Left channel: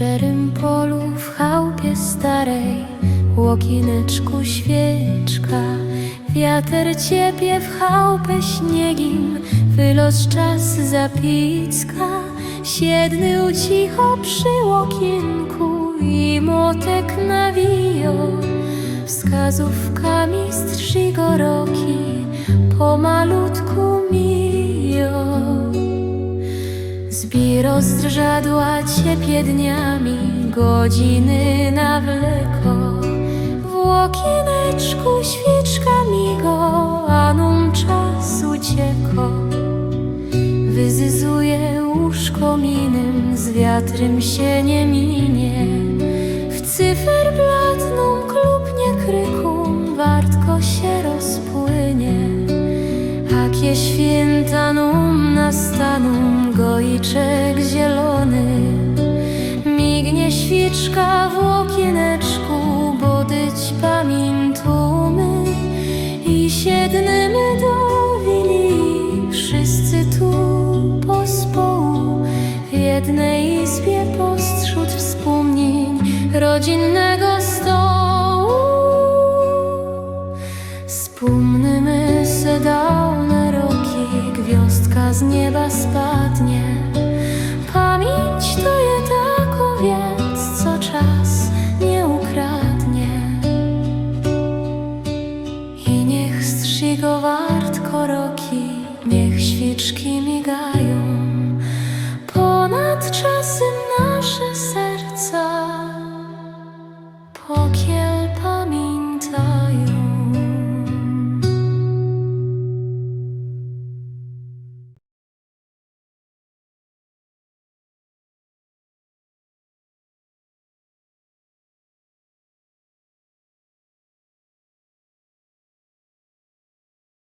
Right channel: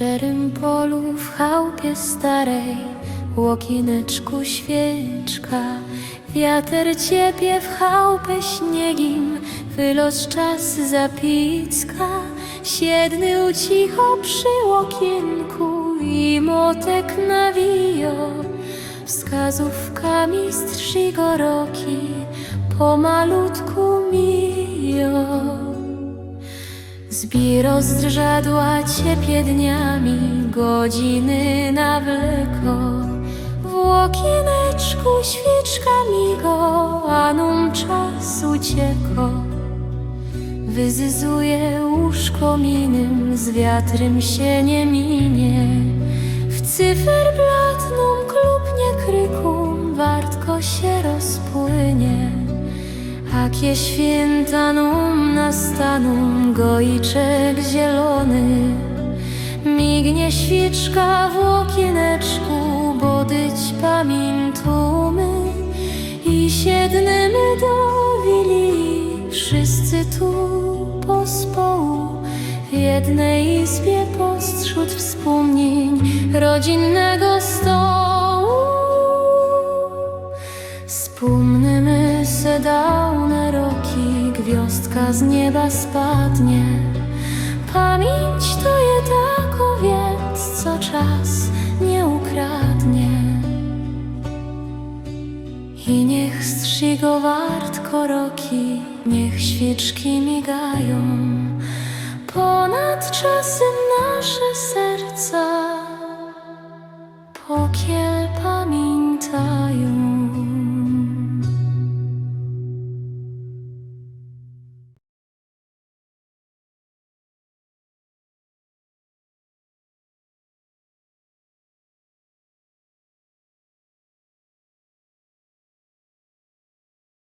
szczerym polu, w chałupie starej, łokineczku świeczka. Wiater ciepie w chałupę śniegiem, wylos czas zapicka. Siednył cicho przy łokienku i motek nawijo. Wskazówkami strzy go roki pomalutku mijo. Zbiro zdrzadła ciepie dniami, godziny nawleko. W łokieneczku świeczka migo, a num czas ucieko. Wyzyzuje łóżko minem, z wiatrem się nie minie. W cyferblatną klupnie krykum, wartko się rozpłynie. Akie święta num nastaną, goiczek zielony. Mignie świeczka w łokieneczku, bo dyć pamiętumy. I siednymy do wili, wszyscy tu pospołu. W jednej izbie postrzód wspomnień rodzinnego stołu. Wspomnymy se dawne roki, gwiazdka z nieba spadnie. Pamięć to je tako więc, co czas nie ukradnie. I niech strzy go wartko roki, niech świeczki migają. Ponad czasem nasze serca pokiel pamiętają.